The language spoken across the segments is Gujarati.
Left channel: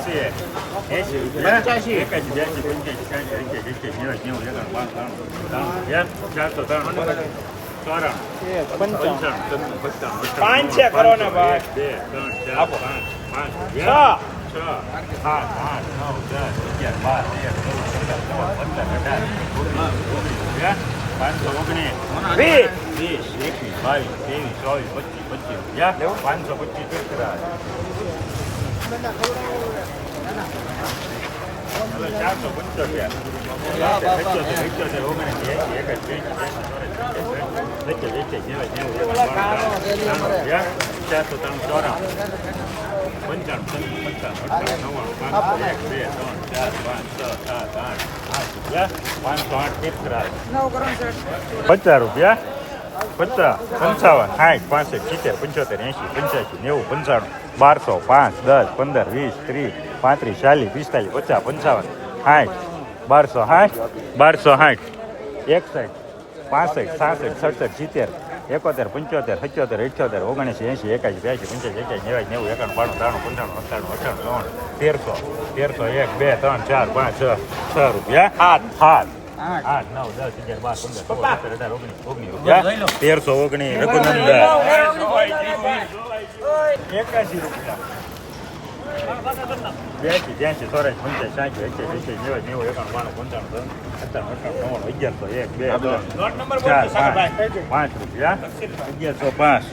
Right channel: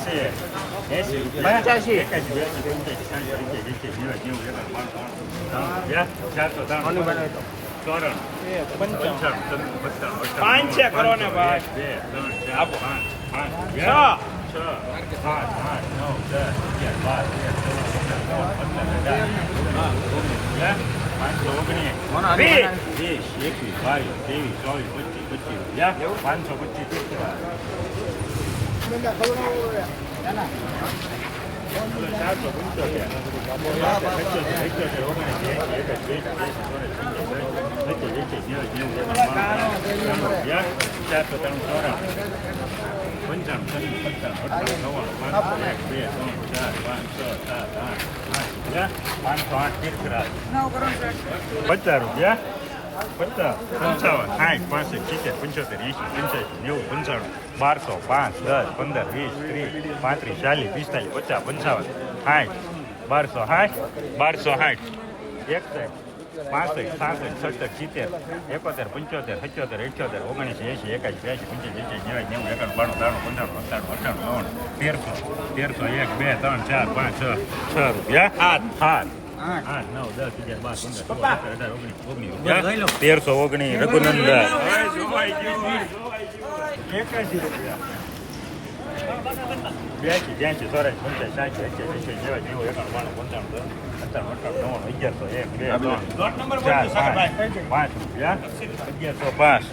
એસી એસી રૂપિયા એકાશી બ્યાસી પંચ્યાસી સાઠ અગિયાર પાંચ છે બે ત્રણ ચાર પાંચ પાંચ રૂપિયા છ સાત આઠ નવ દસ અગિયાર બાર તેર પાંચસો ઓગણીસ વીસ. વીસ એકવીસ બાવીસ ત્રેવીસ ચોવીસ પચીસ પચીસ, પાંચસો પચીસ પેસરા ચારસો પંચોતેર પંચોતેર એસી પચીસ ત્રાણું ત્રણ ત્રણ પંચાવન સાઠ પાસઠ સિત્તેર પંચોતેર એંશી પંચ્યાસી નેવું પંચાણું બારસો પાંચ દસ પંદર વીસ ત્રીસ પાંત્રીસ ચાલીસ પિસ્તાલીસ પચાસ પંચાવન સાઠ બારસો સાઠ બારસો સાઠ. એકસઠ પાસઠ સાસઠ સડસઠ સિત્તેર એકોતેર પંચોતેર સત્યોતેર અઠ્યોતેર ઓગણીસ એંશી એકાસી બ્યાસી પંચ્યાસી એકાસી નેવાસી નેવું એકાણું બાણું ત્રાણું પંચાણું અઠાણું અઠાણું નવ્વાણું તેરસો તેરસો એક બે ત્રણ ચાર પાંચ છ છ રૂપિયા. સાત સાત આઠ. નવ દસ અગિયાર બાર પંદર સોળ સત્તર અઢાર ઓગણીસ ઓગણીસ તેરસો ઓગણીસ રઘુનંદન. એકાશી બ્યાસી બ્યાસી ચોરાસી પંચાસી સાઠી અઠ્યાસી એસી નેવું નેવું એકાણું બાણું પંચાણું સત્તાણું અઠાણું નવ્વાણું અગિયારસો એક બે ત્રણ ચાર પાંચ પાંચ રૂપિયા અગિયારસો પાંચ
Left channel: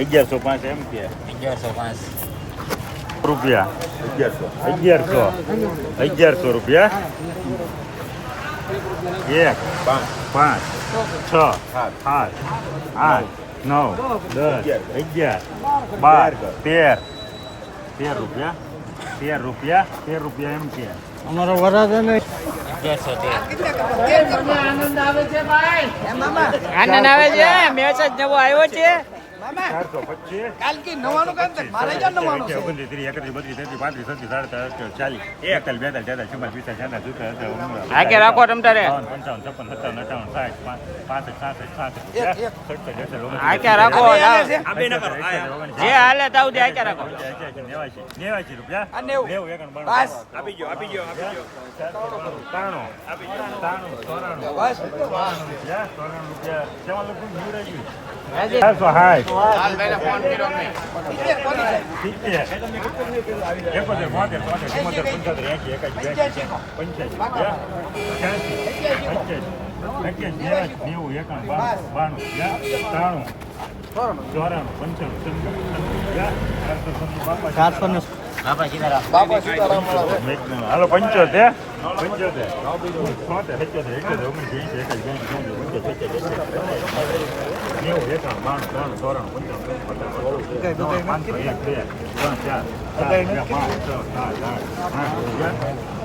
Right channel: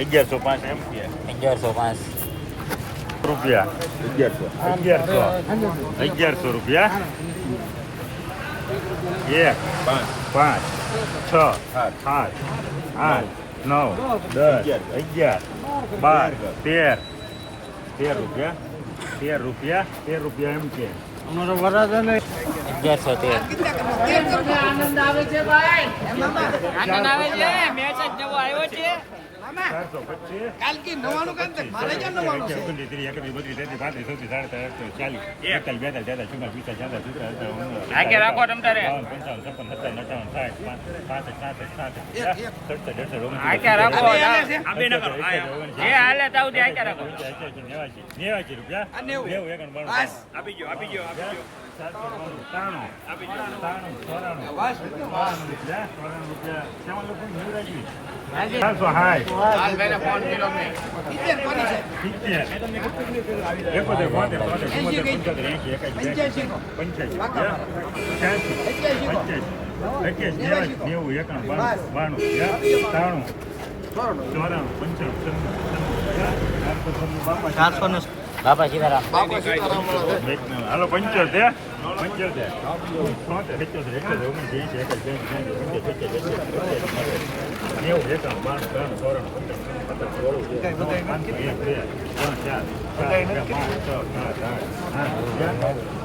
અગિયારસો પાંચ એમ કે. અગિયારસો પાંચ. રૂપિયા અગિયારસો અગિયારસો અગિયારસો રૂપિયા. એક પાંચ છ સાત આઠ નવ દસ અગિયાર બાર તેર તેર રૂપિયા તેર રૂપિયા તેર રૂપિયા એમ કે અગિયારસો તેર. આનંદ આવે છે મેચ જ નવો આવ્યો છે. ચારસો પચીસ. ઓગણત્રીસ ત્રીસ એકત્રીસ બત્રીસ તેત્રીસ પાંત્રીસ છત્રીસ સાડત્રીસ ચાલીસ. એકતાલીસ બેતાલીસ તેતાલીસ ચુમ્માલીસ પિસ્તાલીસ છાતાલીસ સુડતાલીસ આગે રાખો તમતારે બાવન, પંચાવન છપ્પન સત્તાવન અઠાવન સાઠ પાંચ સાસઠ સાસઠ સત્તર અડસઠ ઓગણસિત્તેર, રાખો જે હાલે તાવથી આગે રાખો? નેવાસી નેવાસી રૂપિયા? નેવું. એકાણું બાણું આપી ગયો આપી ગયો ત્રાણું ત્રાણું ચોરાણું રૂપિયા ચોરાણું રૂપિયા. ચારસો સિત્તેર એકોતેર બોતેર તોતેર ચુમ્મોતેર પંચોતેર એંશી એકાસી નેવું એકાણું બાણું બાણું ત્રાણું ચોરાણું પંચાણું રૂપિયા ચારસો છન્નું બાપા બાપા સીતારામ પંચોતેર પંચોતેર નેવું એકાણું બાણું ત્રાણું ચોરાણું પંચાણું પચાસ સોળ પાંચસો એક બે ત્રણ ચાર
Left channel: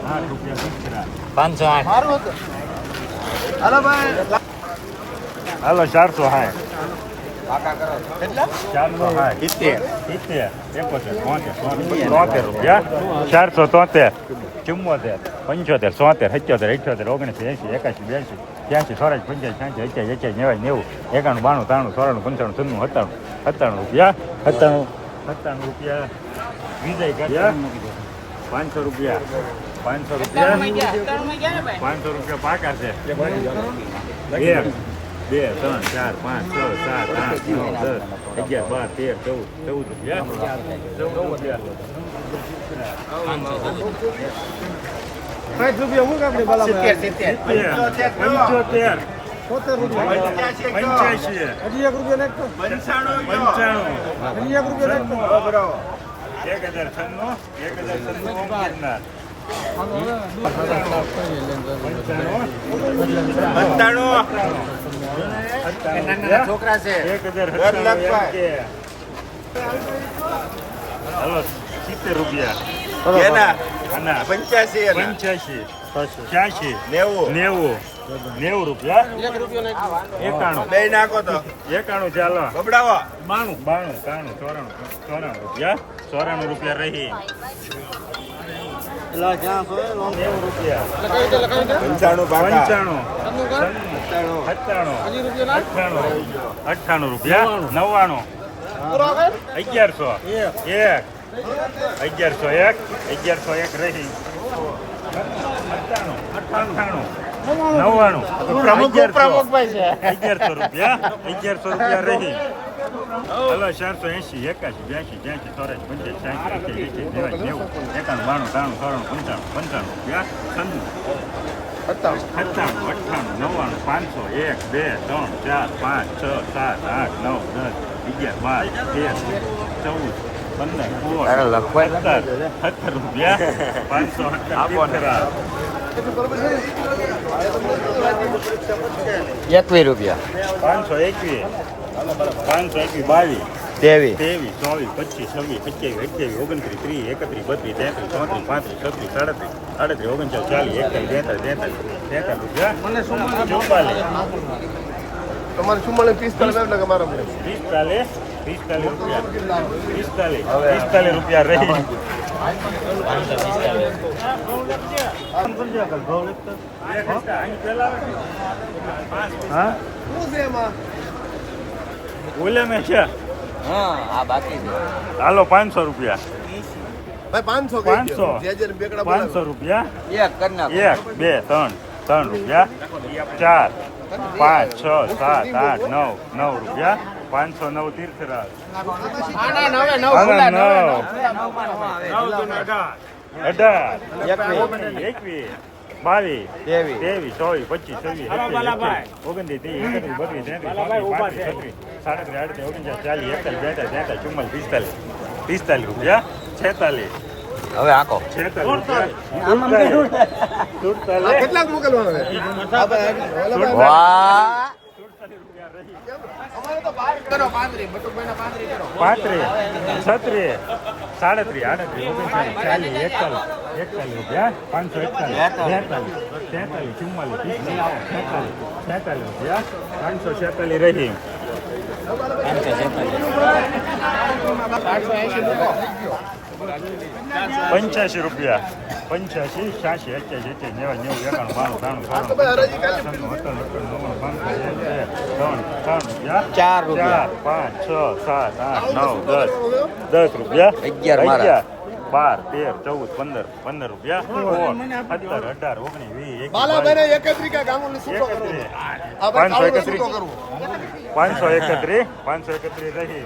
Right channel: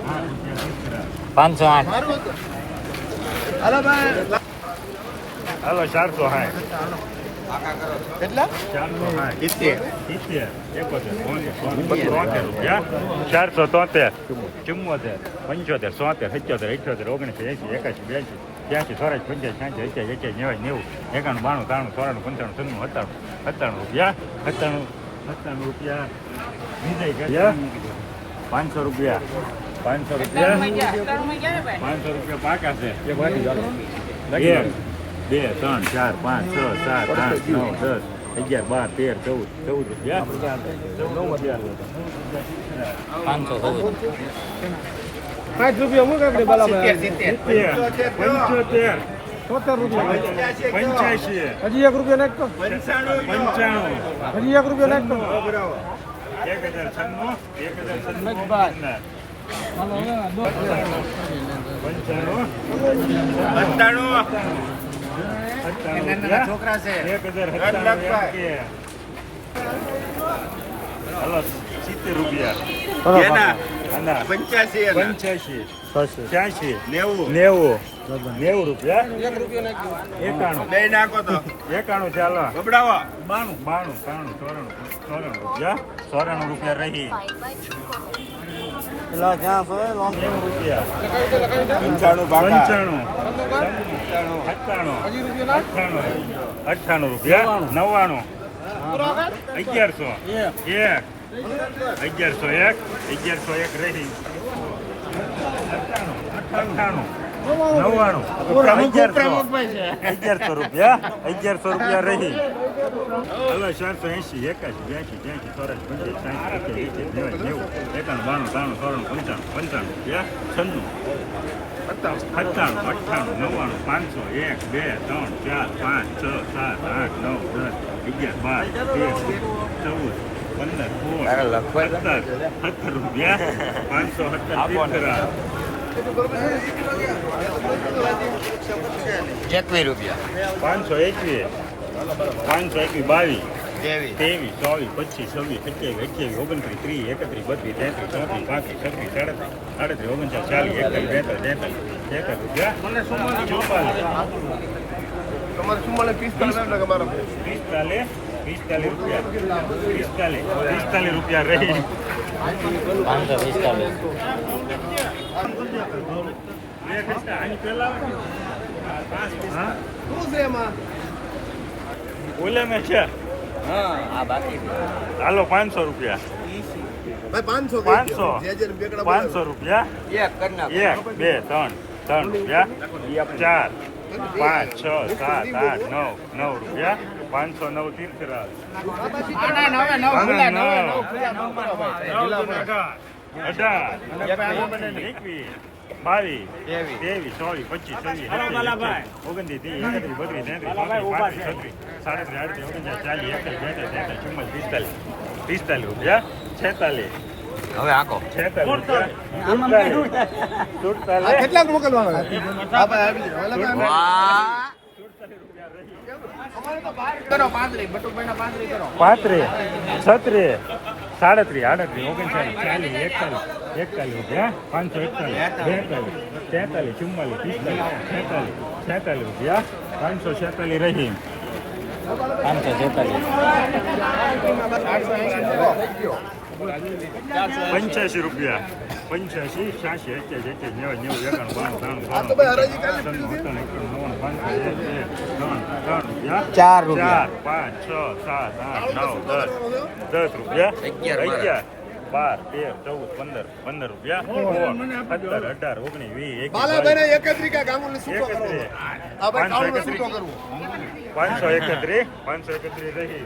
આઠ, રૂપિયા પાંચસો આઠ હાલો ચારસો સાઠ રૂપિયા ચારસો તોતેર ચુમ્મોતેર પંચોતેર સોતેર સત્યોતેર અઠ્યોતેર ઓગણીસ એંસી એકાસી બેસી ત્યાંથી ચોરાસી પંચ્યાસી ત્યાંસી એક્યાસી એક્યાસી નેવાસી નેવું એકાણું બાણું ત્રાણું સોરાણું પંચાણું છન્નું સત્તાણું સત્તાણું રૂપિયા સત્તાણું સત્તાણું રૂપિયા વિજય પાંચસો રૂપિયા પાંચસો રૂપિયા પાંચસો રૂપિયા પાકા છે બે ત્રણ ચાર પાંચ છ સાત આઠ નવ દસ અગિયાર બાર તેર ચૌદ ચૌદ પાંચસો ચૌદ. પાંચ રૂપિયા આપણે બરાબર સિત્તેર પંચોતેર. સોતેર રૂપિયા. પંચ્યાસી. હજી એક રૂપિયા નાખતો. પંચાણું. હજી એક રૂપિયા નાખતો. એક હજાર છન્નું એક હજાર છન્નું પંચાણું. પંચાણું. સત્તાણું સત્તાણું છોકરા છે એક હજાર સત્તાણું એમ કે હલો સિત્તેર રૂપિયા અને પંચ્યાસી છ્યાસી નેવું નેવું રૂપિયા એકાણું એકાણું ચાલો બાણું બાણું ત્રાણું ચોરાણું ચોરાણું રૂપિયા ચોરાણું રૂપિયા રહી નેવું રૂપિયા પંચાણું પંચાણું સત્તાણું. અઠ્ઠાણું. અઠ્ઠાણું રૂપિયા? નવ્વાણું. અગિયારસો. એક. અગિયારસો એક. અગિયારસો એક રહી. અઠ્ઠાણું. નવ્વાણું. અગિયારસો. રૂપિયા? અગિયારસો રૂપિયા રહી. હલો ચારસો એંશી એકાશી બ્યાસી ત્યાંસી ચોરાસી પંચ્યાસી સાઠ અઠ્યાસી એસી નેવાસી નેવું એકાણું બાણું ત્રાણું ત્રણ પંચાણું પંચાણું રૂપિયા? છન્નું. સત્તાણું અઠ્ઠાણું નવ્વાણું પાંચસો એક બે ત્રણ ચાર પાંચ છ સાત આઠ નવ દસ અગિયાર બાર તેર ચૌદ પંદર સોળ સત્તર સત્તર રૂપિયા. પાંચસો સત્તર એકવીસ રૂપિયા પાંચસો એકવીસ પાંચસો એકવીસ, બાવીસ, ત્રેવીસ ત્રેવીસ ચોવીસ, પચીસ, છવ્વીસ, સત્યાવીસ, અઠ્યાવીસ ઓગણત્રીસ ત્રીસ એકત્રીસ, બત્રીસ, તેત્રીસ, ચોત્રીસ, પાંત્રીસ, છત્રીસ, સાડત્રીસ સાડત્રીસ ઓગણચાલીસ ચાલીસ એકતાલીસ બેતાલીસ તેતાલીસ ચુમ્માલીસ. તમારે ચુમ્માલીસ પિસ્તાલીસ એટલે કે મારો પિસ્તાલીસ પિસ્તાલીસ રૂપિયા. પિસ્તાલીસ પિસ્તાલીસ રૂપિયા રહી. પાંચસો પિસ્તાલીસ. હા શું છે એમાં? બોલે મેં છે. હાલો પાંચસો રૂપિયા. ભાઈ પાંચસો પાંચસો. બેકડા પાંચસો રૂપિયા? એક બે ત્રણ. ત્રણ રૂપિયા. ચાર પાંચ છ સાત આઠ નવ નવ રૂપિયા. પાંચસો નવ તીર્થરાજ અઢાર. એકવીસ. બાવીસ. ત્રેવીસ. ચોવીસ પચીસ સત્યાવીસ ઓગણત્રીસ ત્રીસ એકત્રીસ બત્રીસ તેત્રીસ સાડત્રીસ આડત્રીસ ઓગણચાલીસ ચાલીસ એકતાલીસ બેતાલીસ તેતાલીસ ચુમ્માલીસ પિસ્તાલીસ. પિસ્તાલીસ રૂપિયા. છેતાલીસ. હવે આખો. કેટલાક મોકલવાના પાંત્રીસ છત્રીસ સાડત્રીસ આડત્રીસ ઓગણચાલીસ ચાલીસ એકતાલીસ એકતાલીસ રૂપિયા પાંચસો એકતાલીસ બેતાલીસ તેતાલીસ ચુમ્માલીસ પિસ્તાલીસ છેતાલીસ છેતાલીસ રૂપિયા પાંચસો છેતાલીસ રહી. પાંચસો છેતાલીસ. પંચ્યાસી રૂપિયા. પંચ્યાસી છ્યાસી અત્યાસી અત્યાસી નેવું નેવું એકાણું બાણું ત્રાણું અઠ્ઠાણું અઠ્ઠાણું નવ્વાણું પાંચસો એક બે ત્રણ ત્રણ રૂપિયા. ચાર ચાર પાંચ છ સાત આઠ નવ દસ. દસ રૂપિયા. અગિયાર મારા. બાર તેર ચૌદ પંદર પંદર રૂપિયા. સત્તર અઢાર ઓગણીસ વીસ પાંચસો એકત્રીસ. પાંચસો એકત્રીસ પાંચસો એકત્રીસ રહી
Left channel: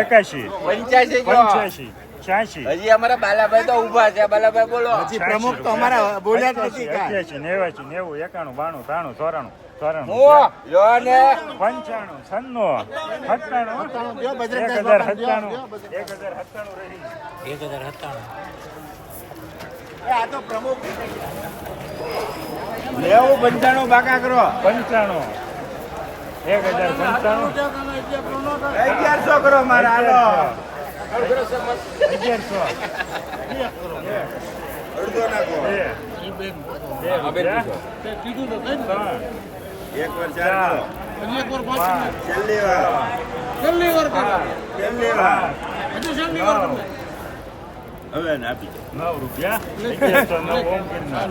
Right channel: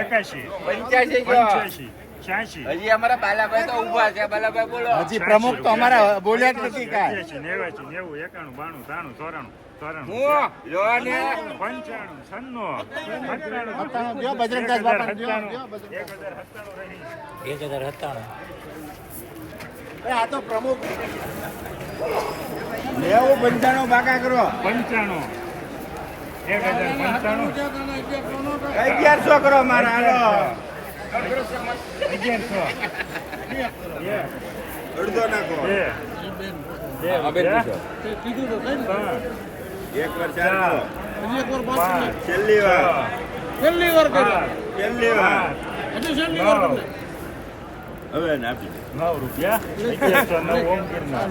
એકાશી પંચ્યાસી. છ્યાસી. હજી અમારા બાલાભાઈ તો ઊભા છે. બાલાભાઈ બોલો. હજી પ્રમુખ તો અમારા બોલ્યા જ નથી કાંઈ. નેવાસી નેવું એકાણું બાણું ત્રાણું ચોરાણું પંચાણું છન્નું સત્તાણું. બજરંગદાસ એક હજાર સત્તાણું. એક હજાર સત્તાણું આ તો પ્રમુખ. લેવું પંચાણું બાકા કરો. પંચાણું. એક હજાર પંચાણું. અગિયારસો કરો મારા હાલો. અગિયારસો અડધો નાખો. એક વાર ચાર એક વાર પાંચ છેલ્લી વાર છેલ્લી વાર કરો સાત, છેલ્લી વાર હજી છેલ્લી વાર નવ હવે ને આપી દો નવ રૂપિયા અગિયારસો નવ ઓમ ગિરનાર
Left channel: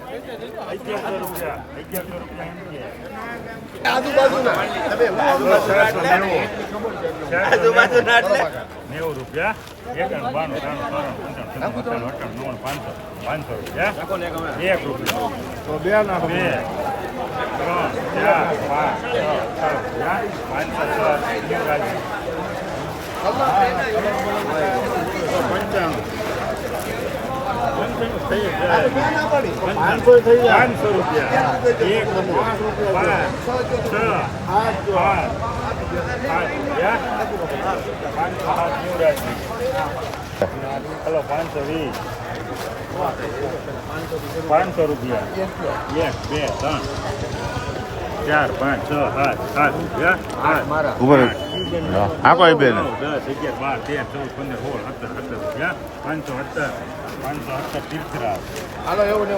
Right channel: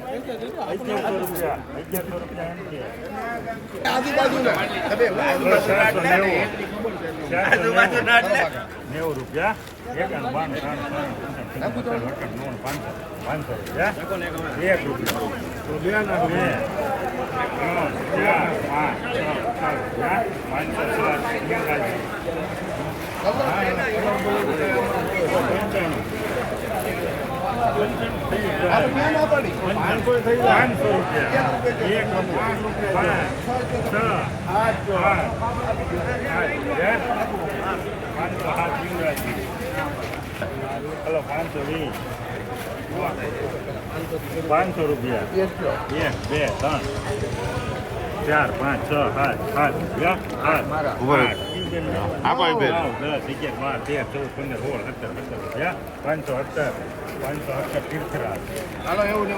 નેવું રૂપિયા એકાણું બાણું ત્રાણું ત્રાણું અઠાણું નવ્વાણું પાંચસો પાંચસો રૂપિયા એક રૂપિયા તો બે ના બે ત્રણ પાંચ પાંચસો પંચાણું પંચાણું થઈ જાય ક્યાં ના પાડી પાંચસો થઈ જાય પાંચસો રૂપિયા એક પાંચ રૂપિયા છ આઠ હલો પાંચસો વીસ પાંચસો રૂપિયા એક બે ત્રણ ચાર પાંચ છ સાત સાત રૂપિયા આઠ. આપો એ બેન. દસ અગિયાર બાર તેર ચૌદ પંદર સોળ સત્તર સત્તર રૂપિયા પાંચસો સત્તર પાંચસો સત્તર તીર્થરાજ હાલો એવું ને